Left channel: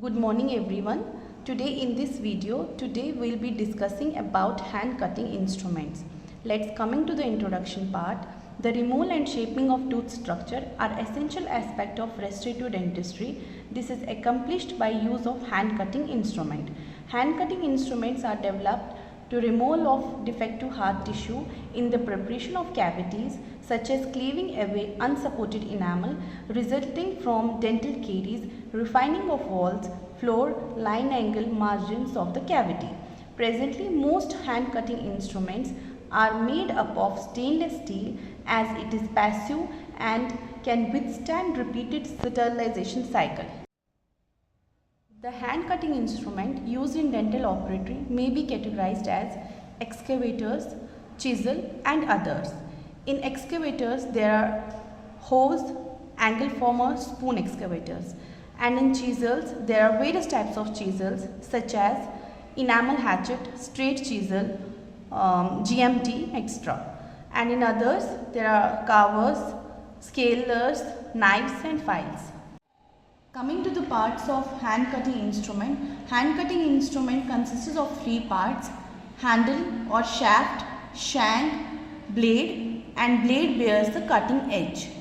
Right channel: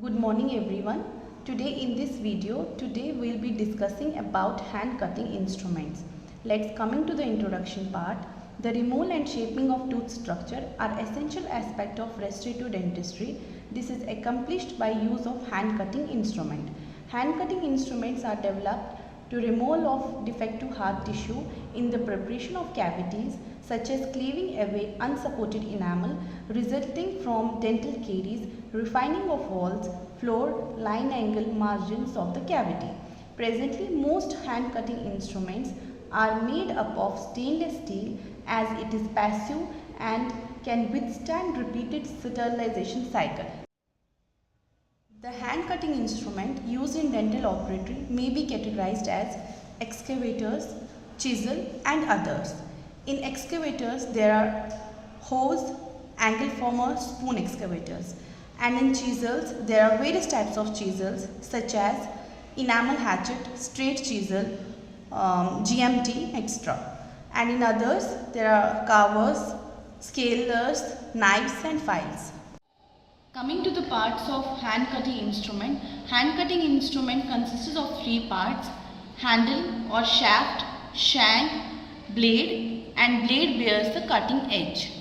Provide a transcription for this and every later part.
Good morning everyone. Today in this video, we'll be discussing about hand cutting instruments. Let's coming to the introduction part. The removal and shaping of tooth structure are essential aspect of restorative dentistry. This is accomplished by use of hand cutting instrument. Hand cutting instruments are developed to removal of defective hard tissue in the preparation of cavities such as cleaving away unsupported enamel resulting from dental caries, refining of walls, floor, line angle margins of the cavity. Presently, most hand cutting instruments are made up of stainless steel as it is passive and can withstand repeated sterilization cycle. The hand cutting instrument used in dental operatory may be categorized as excavators, chisel and others. In excavators there are hose, angle former, spoon excavators, and in chisels there are various types of chisels such as enamel hatchet, straight chisel, GMT, etc. And in others there are carvers, scalers, knives and files. Coming to the parts of hand cutting instrument consists of three parts: handle or shaft, shank, blade, and blade bears the cutting edge.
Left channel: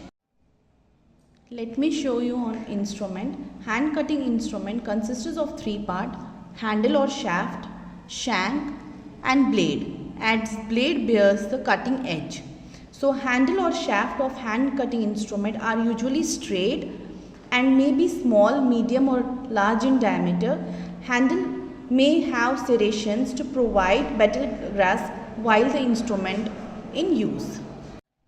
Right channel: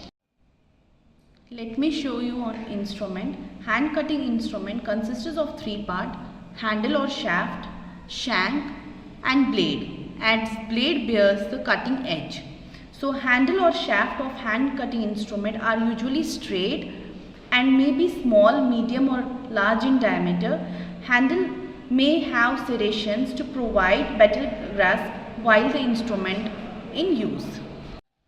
Let me show you on instrument. Hand cutting instrument consists of three parts: handle or shaft, shank and blade, and blade bears the cutting edge. So handle or shaft of hand cutting instrument are usually straight and may be small, medium or large in diameter. Handle may have serrations to provide better grasp while the instrument in use.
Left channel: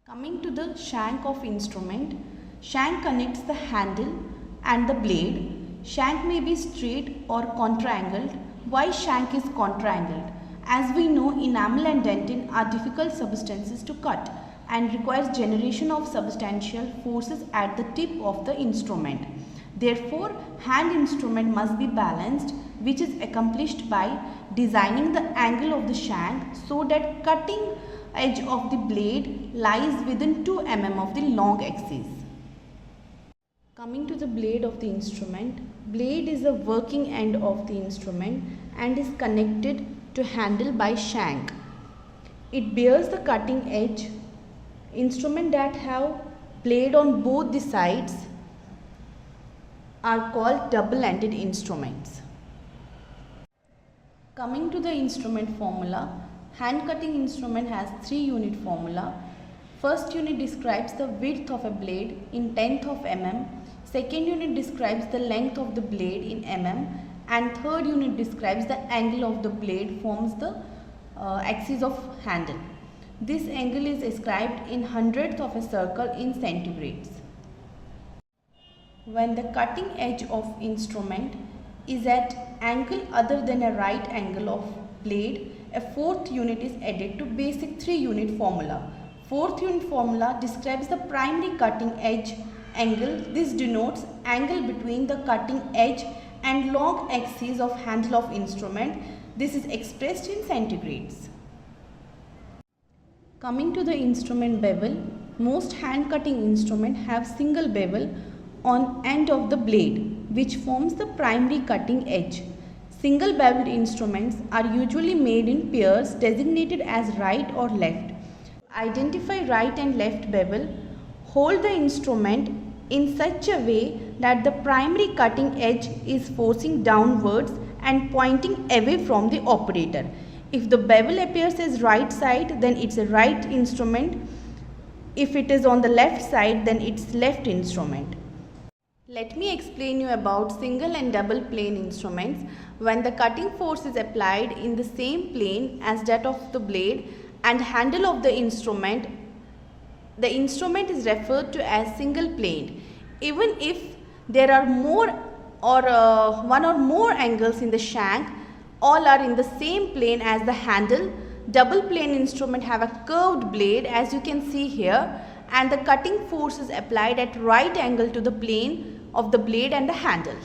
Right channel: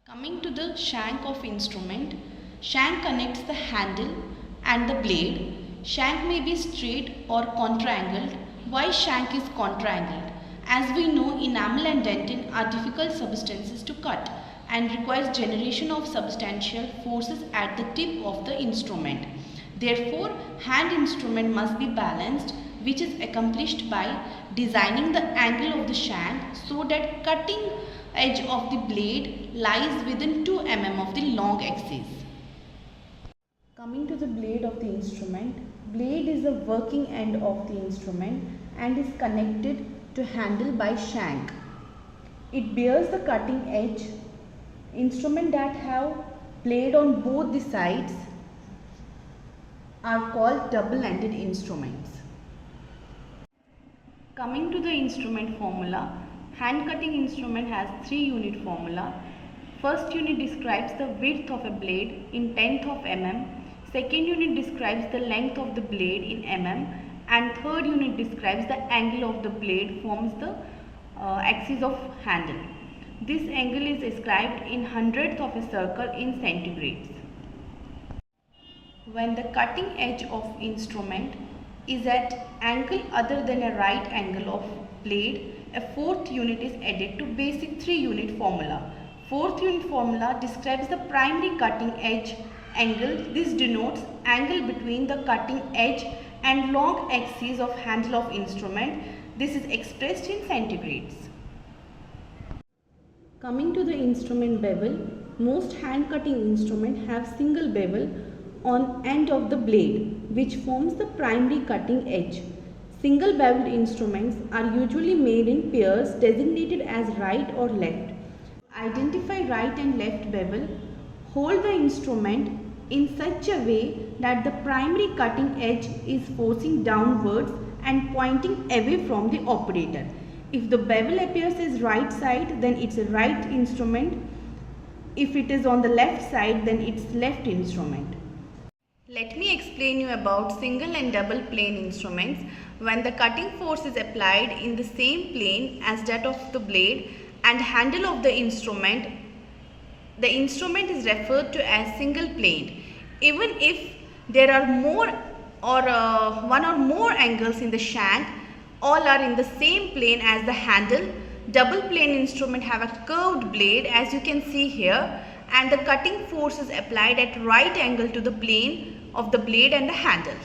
Coming to the shank of instrument, shank connects the handle and the blade. Shank may be straight or contra-angled. Why shank is contra-angled? As we know, enamel and dentin are difficult substances to cut and requires generation of substantial forces at the tip of the instrument. Therefore, hand instrument must be balanced, which is accomplished by designing the angle of the shank so that cutting edge of the blade lies within 2 mm of the long axis. Coming to the blade of the instrument, blade is the working end of the instrument and is connected to handle by shank. It bears the cutting edge. Instruments that have blade on both the sides are called double-ended instruments. Coming to the instrument formula, hand cutting instrument has 3 unit formula. First unit describes the width of a blade in 1/10 of mm. Second unit describes the length of the blade in mm, and third unit describes the angle of the blade forms the axis of handle. This angle is described in 100th of a circle in centigrades. When the cutting edge of instrument is at angle other than a right angle of blade, a fourth unit is added to basic 3 unit formula. Fourth unit formula describes the primary cutting edge angle. This denotes angle between the cutting edge and long axis of handle of instrument. This is expressed in centigrades. Coming to the instrument bevel, most hand cutting instruments have single bevel on end of the blade, which forms the primary cutting edge. Single beveled instruments are usually made in pairs designated as right or left. Identify right and left bevel. Hold the instrument in such a way that the primary cutting edge is forcing downwards and pointing away from the operator. If the bevel appears as right side, then it's a right instrument. If it is on the left side, then it's left instrument. Let me explain you about single and double plane instruments. When the cutting force is applied in the same plane as that of the blade and handle of the instrument is referred to as single plane. Even if there are more or one or more angles in the shank, all are in the same plane as the handle. Double plane instrument have a curved blade as you can see here, and the cutting force is applied at right angle to the plane of the blade and the handle.